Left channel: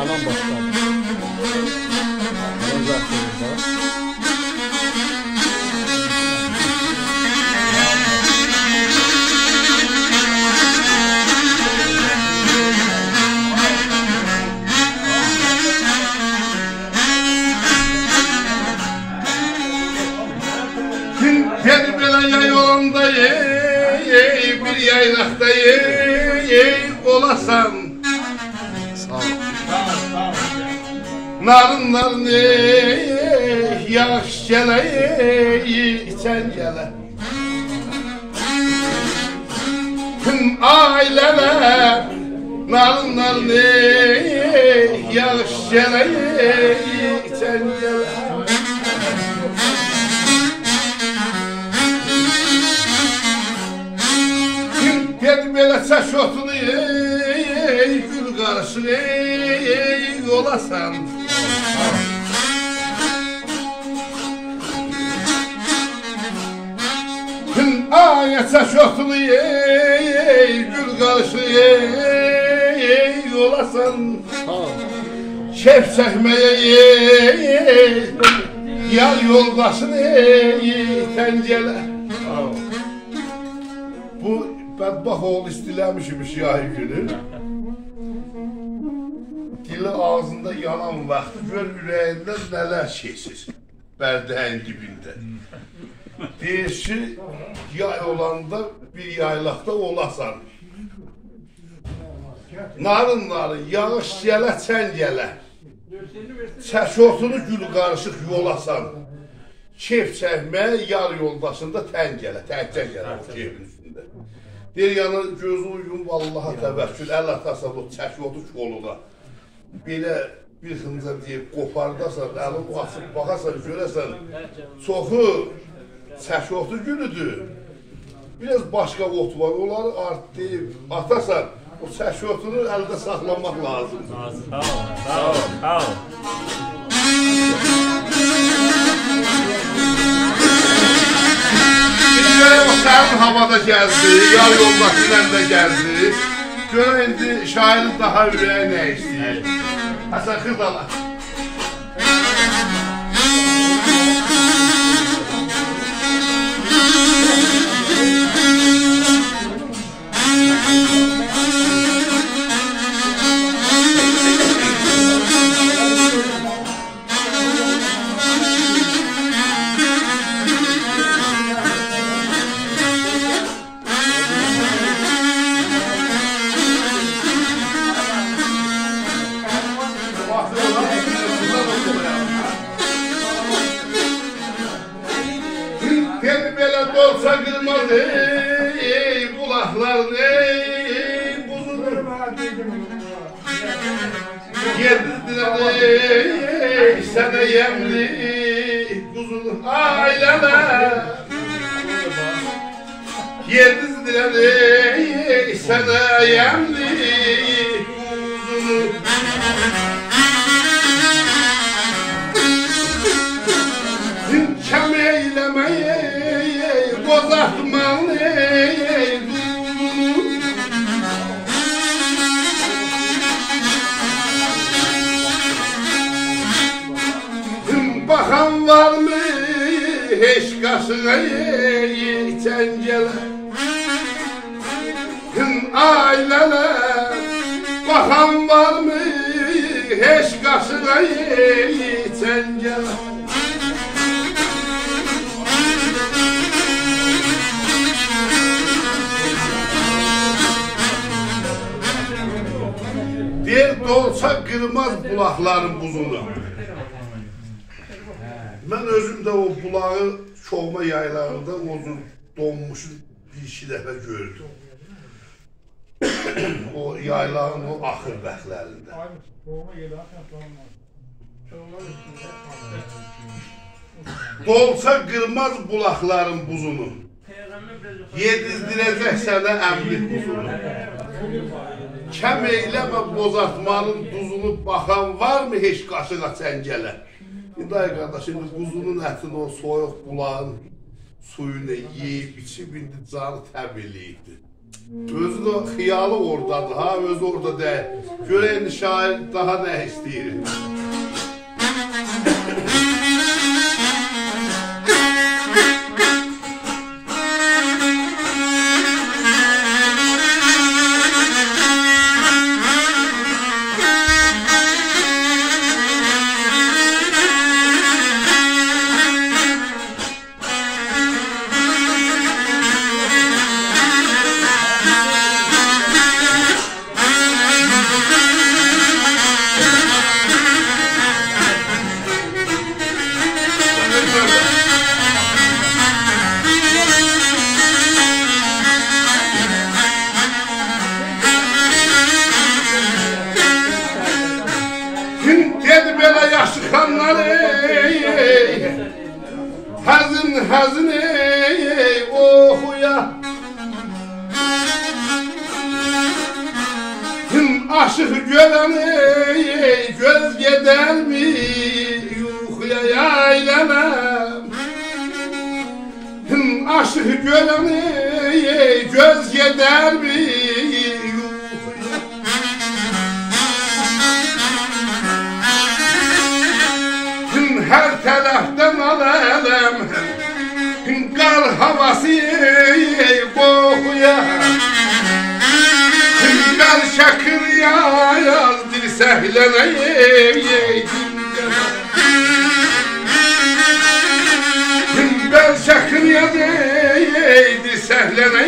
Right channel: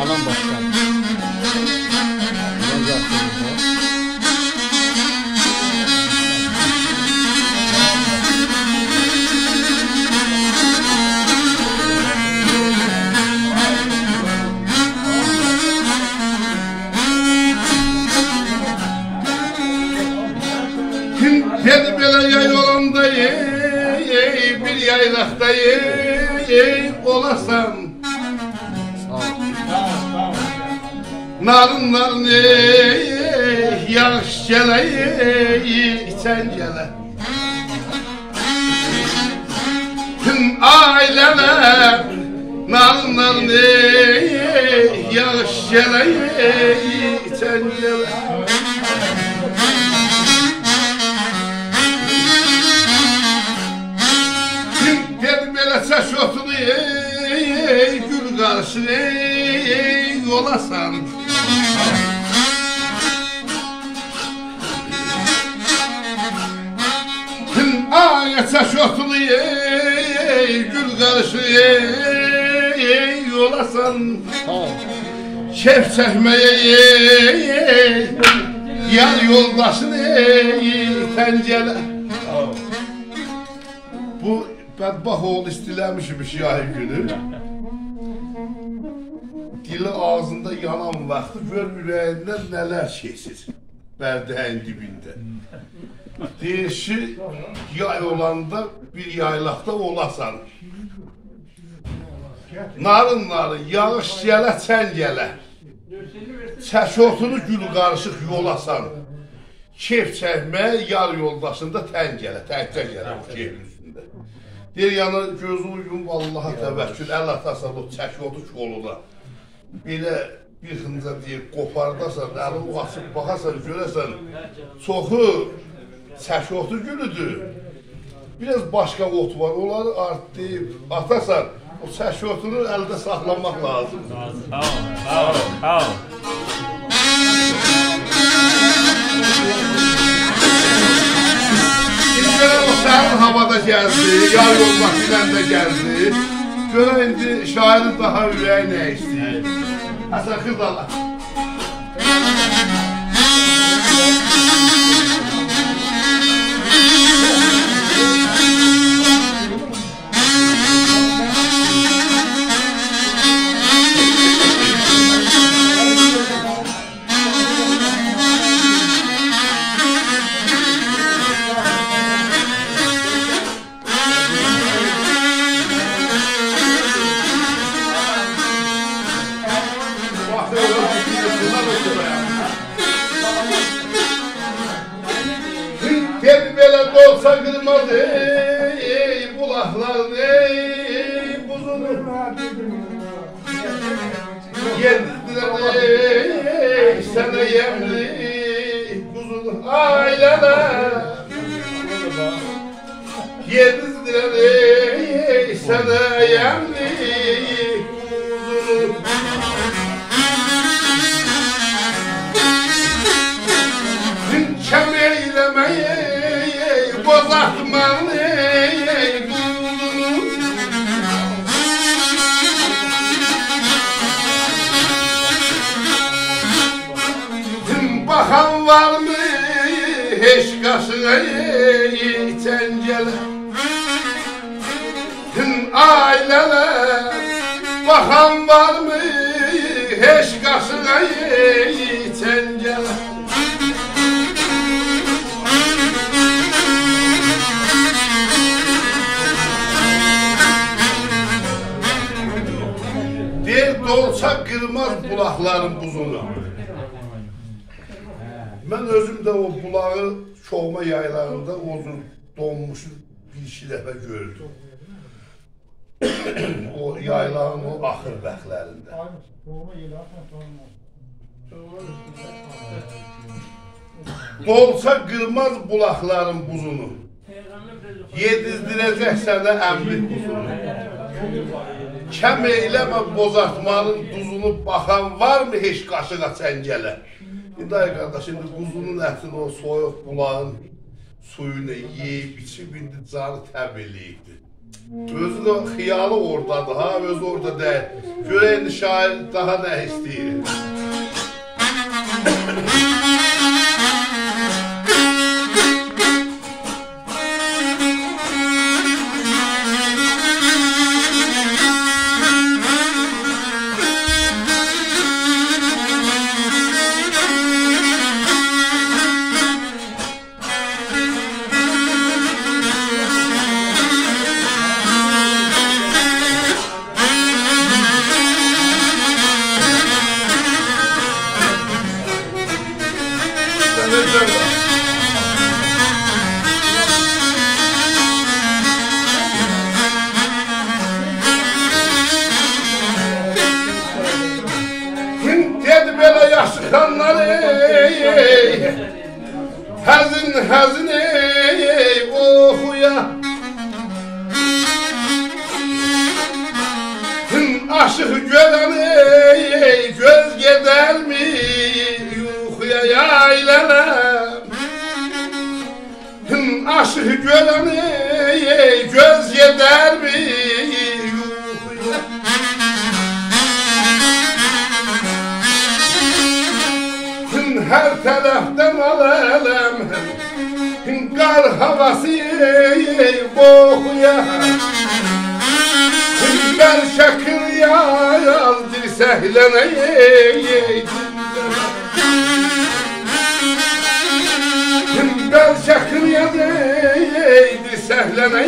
Alan başkan. Alan zaten. Dedi böyle yay yolunda bir yaylakta olasan. Sağ ol. Narın narın yağış gele içen gele. Tüm aileler narın narın yağış gele içen gele. Gel böyle saç otunu gül karşı yolasan. Ay saç otunu gül karşı yolasan. Sağ ol. Şef çekmeye yar yoldaşını tencele. Sağ ol. Bu bədbax oğul istiləmişmiş yay günü. Dili ağzında yanan vaxtı gör ürəyindən nələr keçir bərdəyin dibində. Deyir ki, yay olanda bir yaylaqda olasan. Narın narın, yağış gələ, çən gələ. Çəşotunu gül qarışıq yolasan. Keyf çəkməyə yar yoldaşında tən gələ, təkcə gələ bu keyfin üstündə. Deyir yana gözü uygun Allaha təvəkkül, əl atasan o çəşotu koluna. Belə bir xınca deyir, qopardasan, əlini açıb baxasan, görəsən, çoxu çəşotu gülüdür. Biraz başqa ot var, onları deyib atasan, o çəşotunu əldə saxlamaq lazımdır. Sağ ol. Sağ ol. Sağ ol. O sərin havada gəldi, yar yoldaşı ilə də gəldi. Görə indi şairin daha ürəyi nə istəyir? Həsən Xırdala. Gel böyle dolsa kırmaz bulaklar buzunu. Geldiler sana yemli buzunu aileler. Geldiler sana yemli buzunu. Kem eylemeyi bozatmalı bakan var mı hiç kaşına tencele aileler bakan var mı hiç kaşına tencele. Deyir dolsa kırmaz bulakların buzunu. Ben özüm de o bulağı çoğma yaylarında uzun donmuş bir iki defa gördüm. O yaylağın o ahır bəxlərində. Dolsa kırmaz bulakların buzunu. Yedizdirəcək sənə əmlik buzunu. Kəm eyləmə bozartmanın duzunu baxan var mı heç qaşığa çəngələ? İndi ay qardaş, indi quzunun ətini o soyuq bulağın suyunu yeyib, içib, indi canı təb eləyibdir. Özü də xiyalı oradadır ha, özü orada deyil. Görək indi şair daha nə istəyir. Dedi belə yaşıqanlar ey, həzin ey, oxuya. Aşıq görən ey, göz gedər mi yuxuya yaylənəm. Aşıq görən ey, göz gedər mi yuxuya. Hər tərəfdən alələm, qar havası qoxuya. Bəl şəkir yaz, dirsəhlənə Bəl şəkir yaz, dirsəhlənə